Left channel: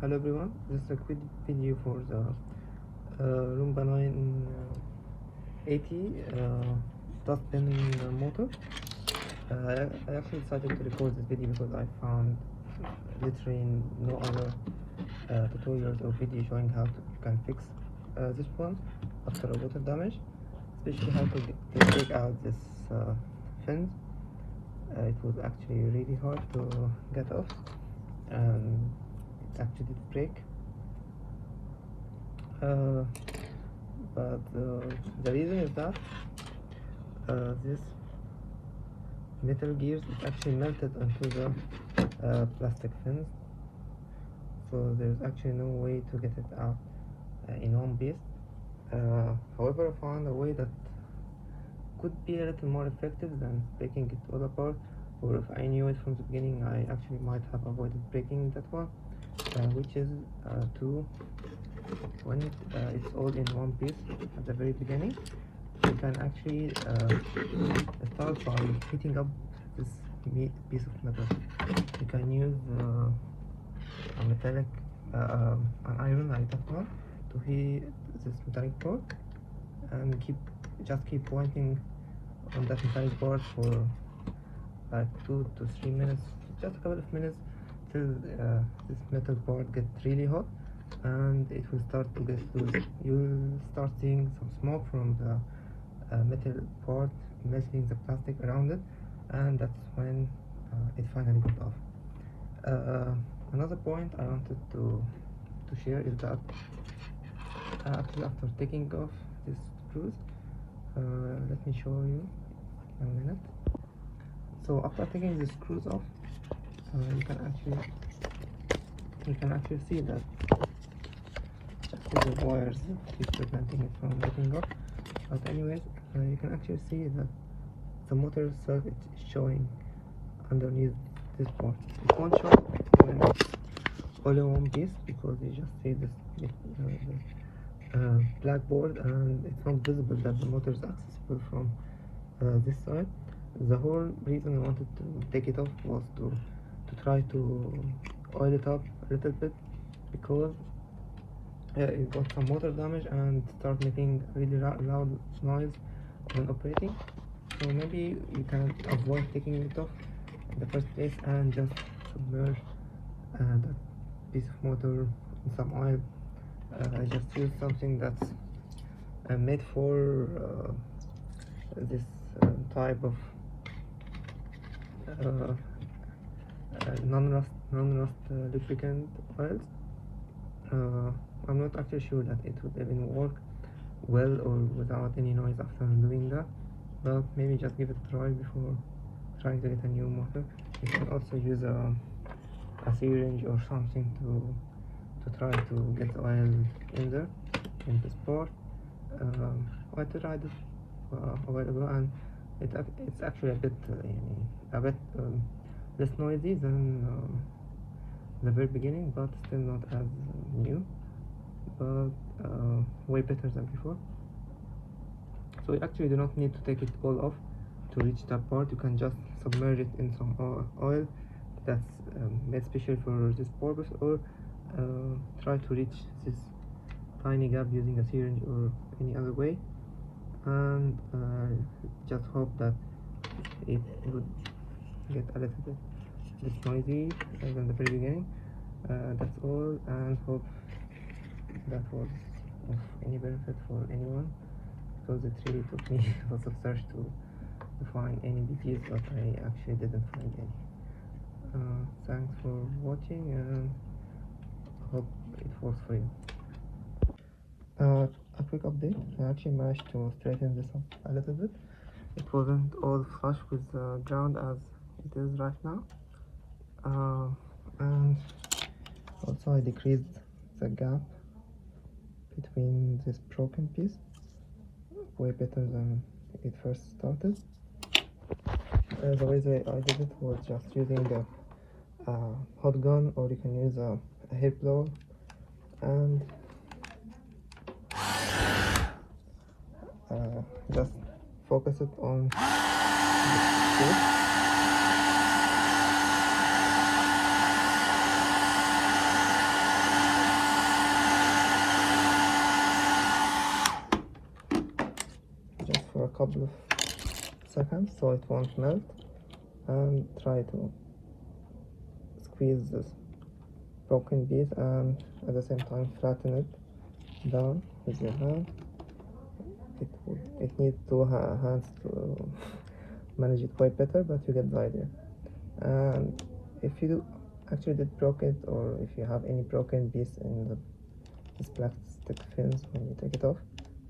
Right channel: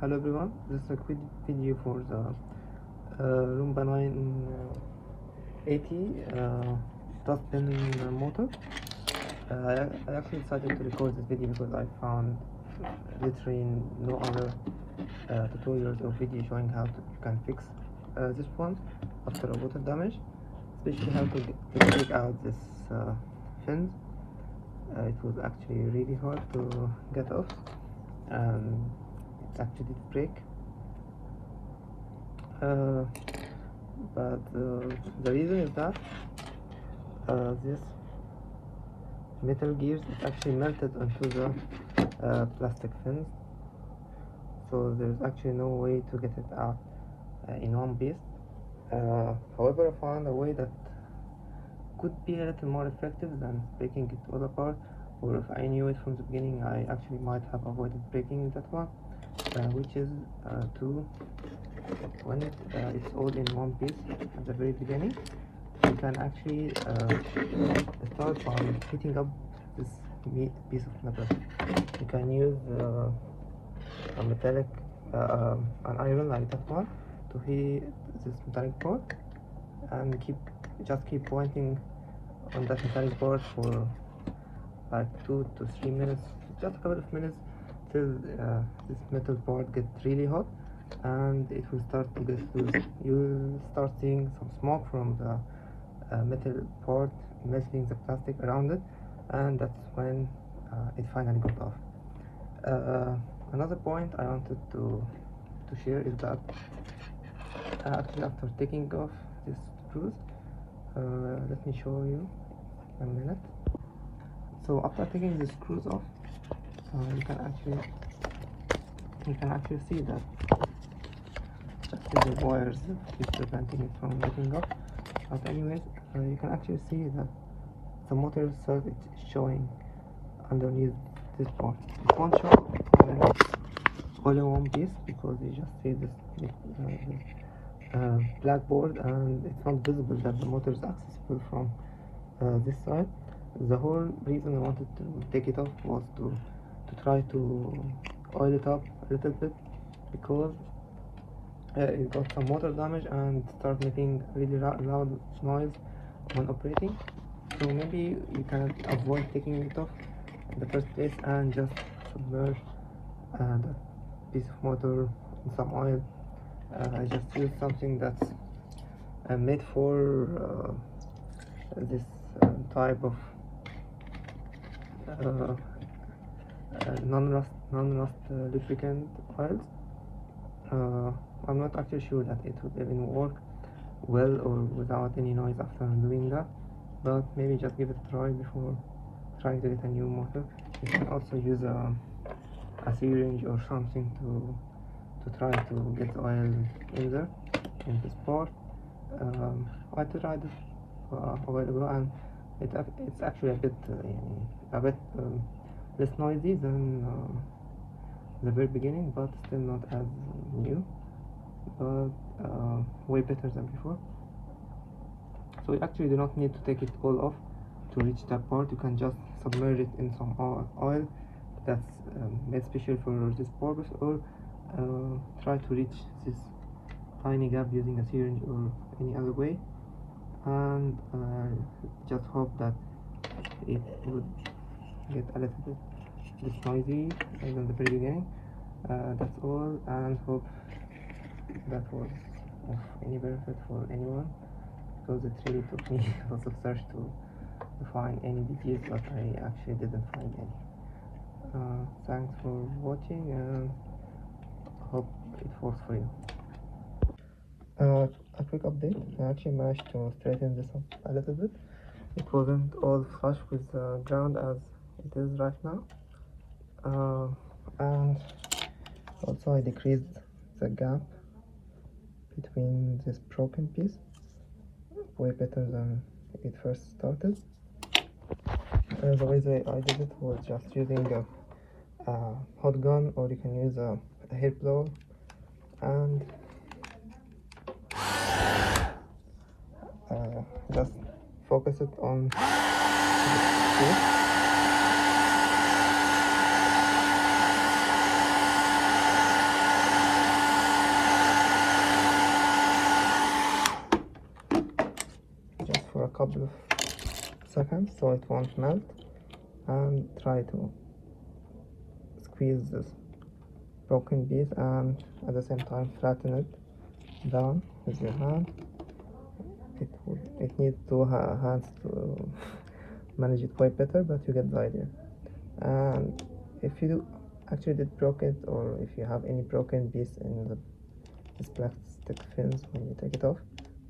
Hello everyone, this is a quick video for the Roomba 980 dust bin motor. I actually decided to record this video because I found literally no other tutorials or video showing how you can fix this one after a water damage, especially how to take out this fins. It was actually really hard to get off, and it actually did break. But the reason is that this metal gears is actually melted onto the plastic fins, so there's actually no way to get it out in one piece. However, I found a way that could be a little more effective than breaking it all apart, or if I knew it from the beginning, I actually might have avoided breaking that one, which is when it's all in one piece at the very beginning, you can actually start by heating up this piece of metal. You can use a metallic an iron like that one to heat this metallic part, and just keep pointing on that metallic part for like 2 to 3 minutes, just a couple of minutes, till this metal part gets really hot and it will start to get loose. You'll start seeing some smoke from the metal part melting the plastic around it, and that's when it finally got off. Another point I wanted to share is that actually after taking off this screws, let me show you a minute. So after taking the screws off, you can actually see that the wires keep preventing it from getting off. But anyways, you can actually see that the motor itself is showing underneath this part. It won't show all in one piece because you just see this black board, and it's not visible that the motor is accessible from this side. The whole reason I wanted to take it off was to try to oil it up a little bit, because it got some motor damage and start making really loud noise when operating. So maybe you can avoid taking it off in the first place and just submerge that piece of motor in some oil. I just use something that's made for this type of non-rust lubricant oils. I'm not actually sure that it would even work well or without any noise after doing that, but maybe just give it a try before trying to get a new motor. You can also use a syringe or something to try to get oil in there, in this part. I tried it a while ago, and it's actually a bit less noisy than the very beginning, but still not as new, but way better than before. So you actually do not need to take it all off to reach that part. You can just submerge it in some oil that's made special for this purpose, or try to reach this tiny gap using a syringe or any other way, and just hope that it would get a little bit less noisy than the very beginning. That's all, and hope that was of any benefit for anyone, because it really took me a lot of search to find any details, but I actually didn't find any. Thanks for watching, and hope it works for you. A quick update, I actually managed to straighten this up a little bit. It wasn't all flush with the ground as it is right now, and also I decreased the gap between this broken piece way better than it first started. And the way that I did it was just using a hot gun, or you can use a hair blower, and just focus it on melt and try to squeeze this broken piece and at the same time flatten it down with your hand. It needs two hands to manage it way better, but you get the idea. And if you actually did broke it, or if you have any broken piece in this plastic films, when you take it off,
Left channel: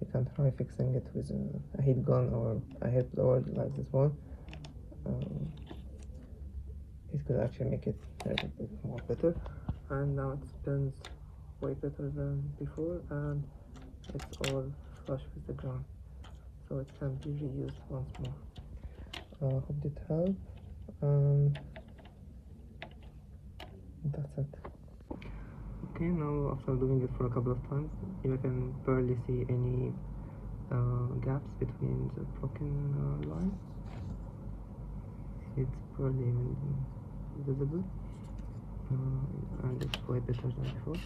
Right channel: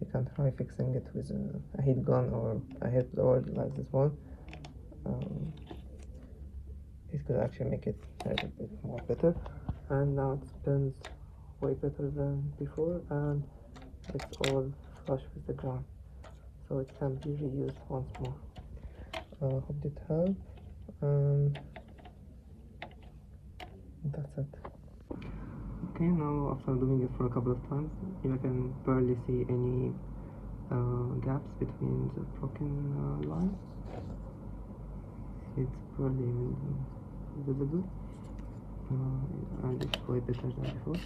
you can try fixing it with a heat gun or a heat sword like this one. It could actually make it a little bit more better. And now it spins way better than before, and it's all flush with the ground, so it can be reused once more. Hope it helped, and that's it. Okay, now after doing it for a couple of times, you can barely see any gaps between the broken lines. It's barely visible, and it's way better than before.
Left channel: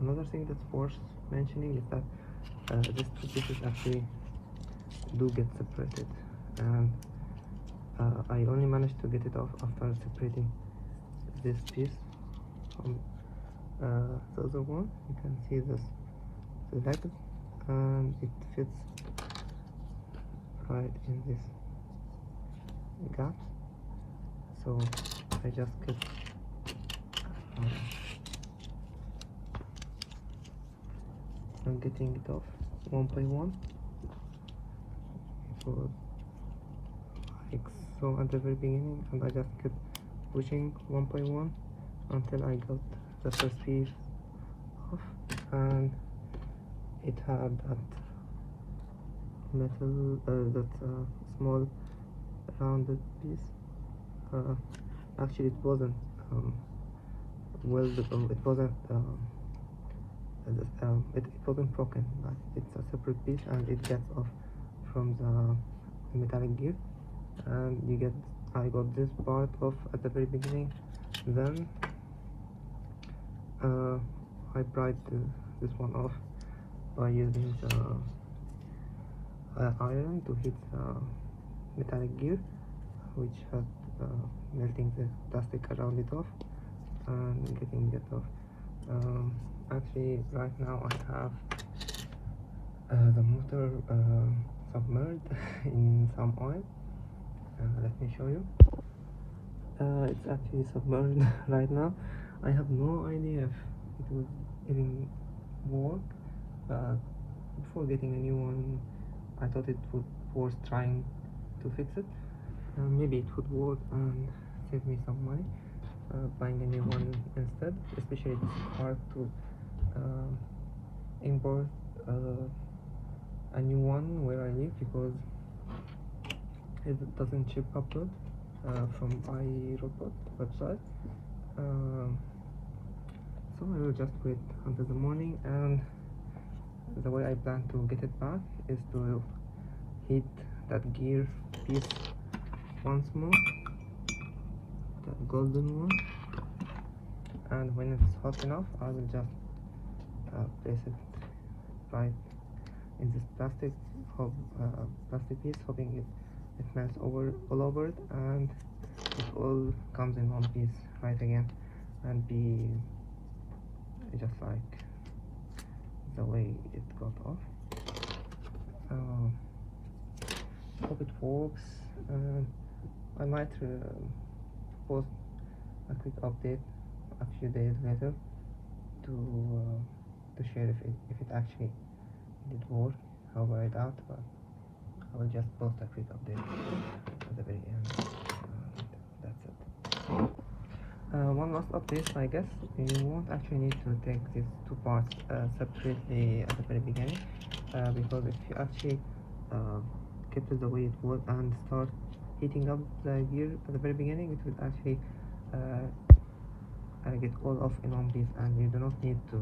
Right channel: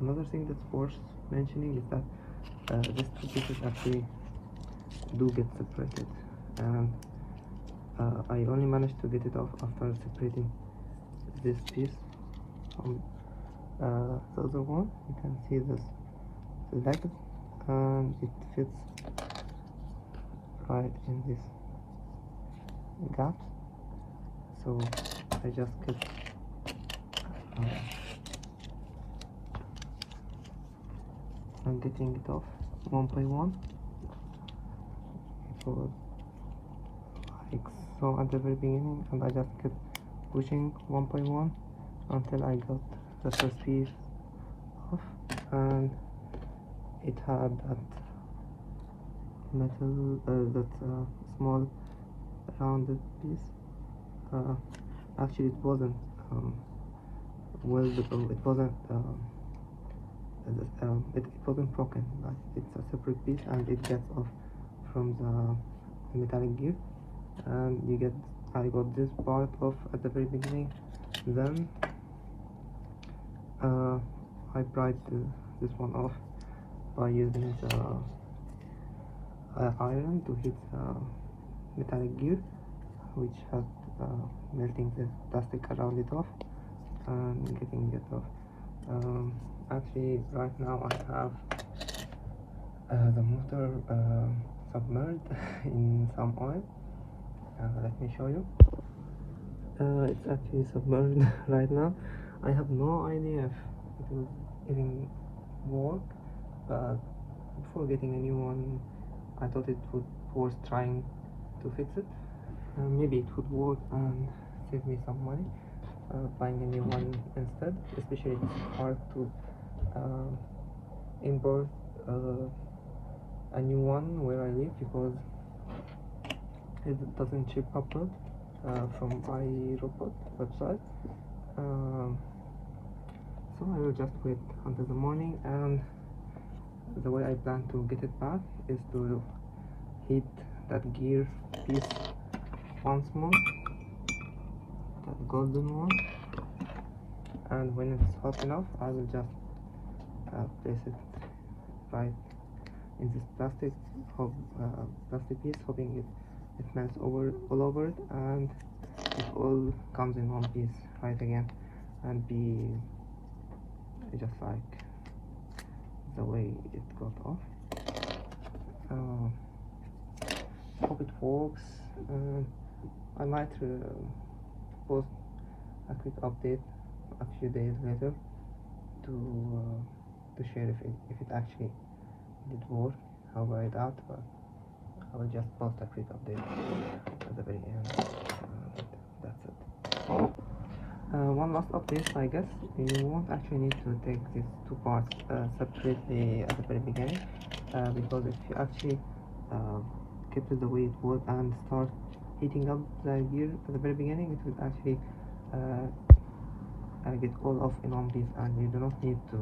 Another thing that's worth mentioning is that these two pieces actually do get separated, and I only managed to get it off after separating this piece from the other one. You can see this leg, and it fits right in this gap, so I just kept I'm getting it off one by one. It was like so at the very beginning, and I just kept pushing one by one until I got the first piece off, and it had that metal, small rounded piece. Actually, it wasn't weldable. It wasn't it wasn't broken, but it's a separate piece, and it gets off from the metallic gear, and I got this part off at the very beginning. Then I pried this one off by using the iron to hit metallic gear, which had melting the plastic around it off and getting it off. Actually, right now I have the motor submerged in some oil. Let me show you. It's actually submerged right now. I have no idea if it will even work, but before getting a new one, I thought it would worth trying to fix it. Maybe it would work and save me some money buying a new one instead, especially it's hard to import a new one where I live, because it doesn't ship properly from iRobot website. So I will just wait until the morning, and the way I plan to get it back is to heat that gear piece once more, that golden one, and when it's hot enough I will just place it right in this plastic piece, hoping it melts all over it, and it all comes in one piece right again, and be just like the way it got off. Hope it works. I might post a quick update a few days later to share if it actually did work, how I it out, but I will just post a quick update at the very end. That's it. One last update, I guess. You won't actually need to take these two parts separately at the very beginning, because if you actually kept it the way it was and start heating up the gear at the very beginning, it will actually get all off in one piece, and you do not need to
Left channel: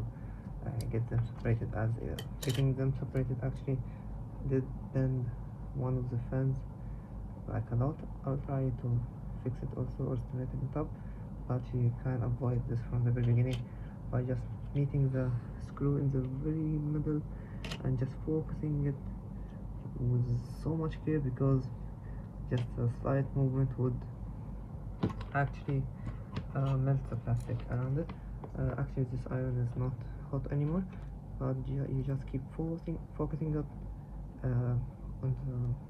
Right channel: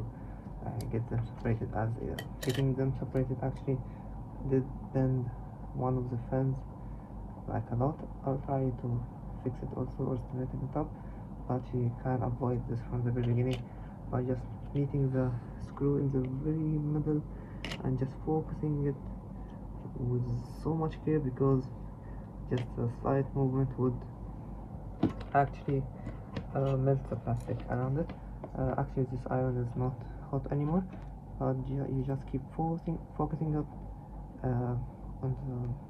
get them separated, as getting them separated actually did bend one of the fans like a lot. I'll try to fix it also or straighten it up, but you can avoid this from the very beginning by just meeting the screw in the very middle and just focusing it with so much care, because just a slight movement would actually melt the plastic around it. Actually, this iron is not hot anymore, but you just keep focusing up on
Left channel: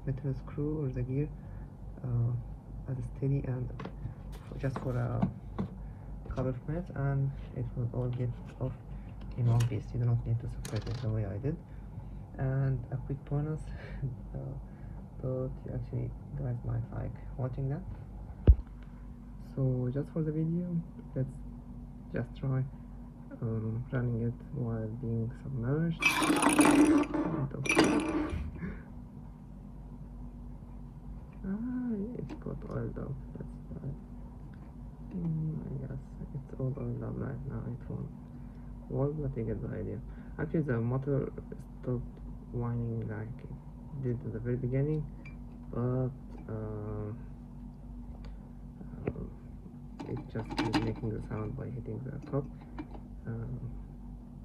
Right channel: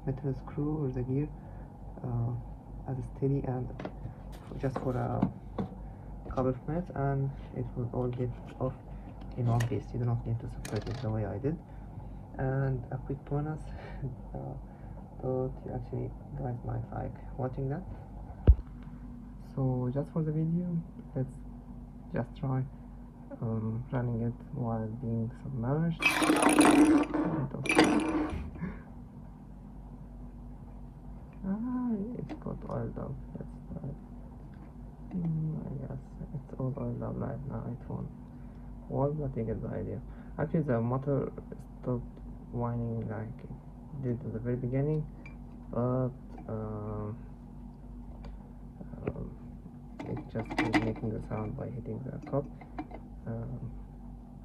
the metal screw or the gear as steady and just for a couple of minutes, and it will all get off in one piece. You do not need to separate it the way I did. And a quick bonus, but you actually guys might like watching that. So just for the video, let's just try running it while being submerged. It got oiled up. That's right. I guess it's all oiled up right now. It won't work, but you get the idea. Actually, the motor stopped whining like it did at the very beginning, but it just keeps making the sound by hitting the cup.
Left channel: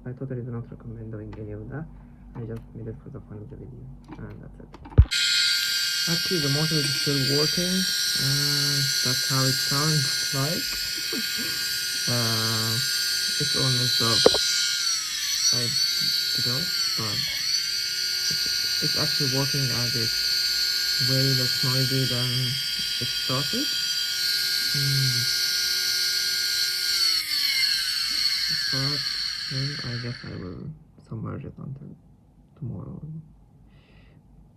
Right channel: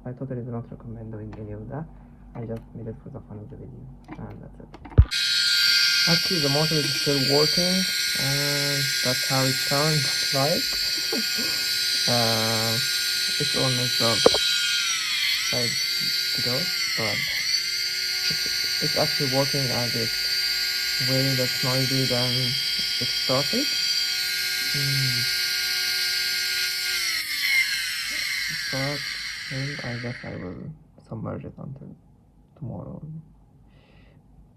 I totally do not recommend doing any of that. I just made it for the fun of the video, and that's it. Actually, the motor is still working, and that's how it sounds like. It's all messed up like today, but it's actually working as it's way less noisy than it started. But I guess I will submerge it until tomorrow.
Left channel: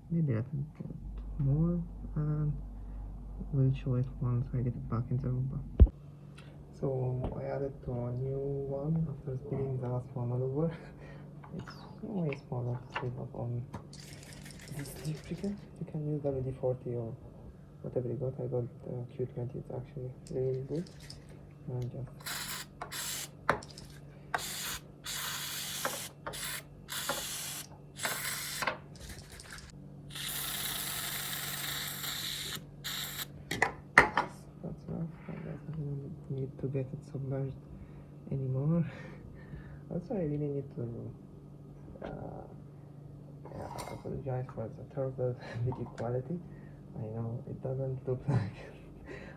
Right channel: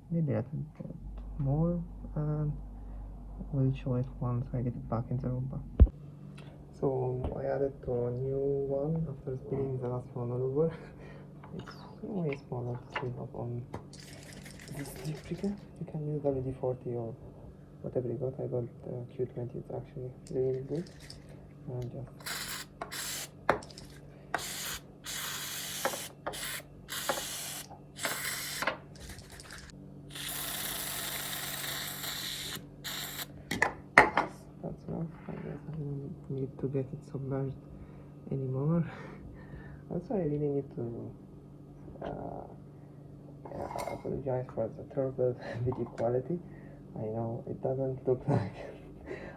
Maybe a little bit more, and we'll show it once I get it back in the Roomba. So I added to a new one after spinning the last one over. It's really small, let's see what on this sticker. You can use WD-40 or whatever you got. I got Q20, it's actually really good. And to get it submerged anymore. Also, I really need to apologize for the terrible video quality. I know it doesn't look like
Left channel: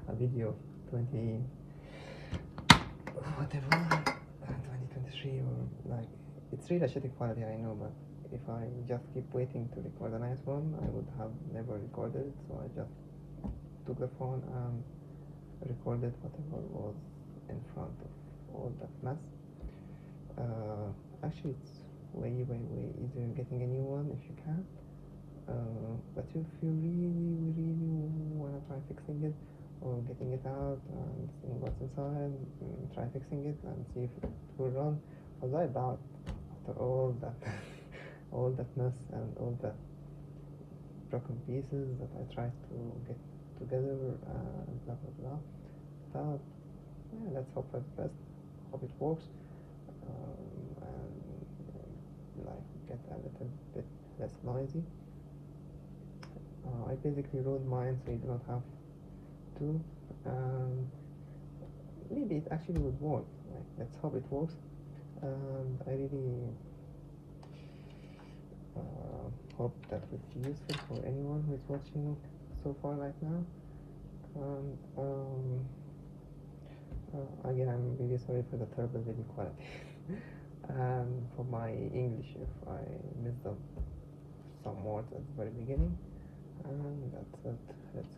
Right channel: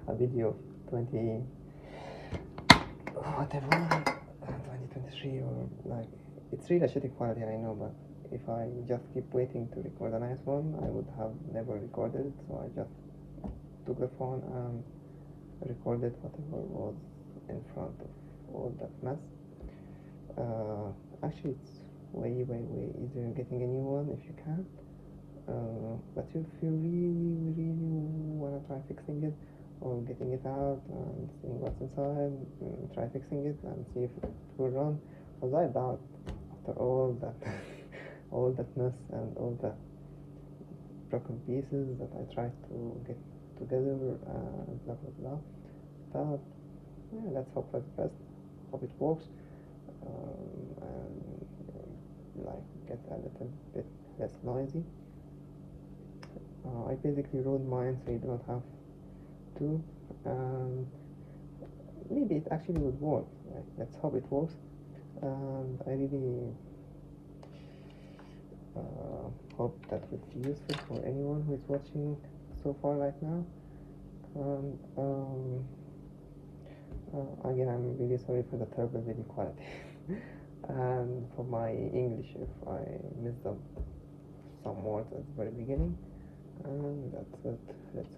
a video of 2023 or like, it's really a shitty quality, I know, but if I just keep waiting to record a nice one, I would have never recorded it. So I just took the phone and recorded whatever was in front of all that mess. Actually, it's way easier getting a new one if you can. But if you really wanna try fixing it or getting it out and seeing what's inside, try fixing it and see if it will run. Because I doubt after all that all that mess and all the broken pieces that I tried to get together and blah blah blah. But yeah, let's hope for the best. Hope it works, and like get a little bit less noisy. I basically ruined mine, so you don't have to. Maybe it actually would work. Like, let's hope it works. And I really hope that will be useful for anyone who is watching so far right now. Again, I'm really sorry for the terrible video quality and for my English if I missed some words at the very beginning. And that's it. Let's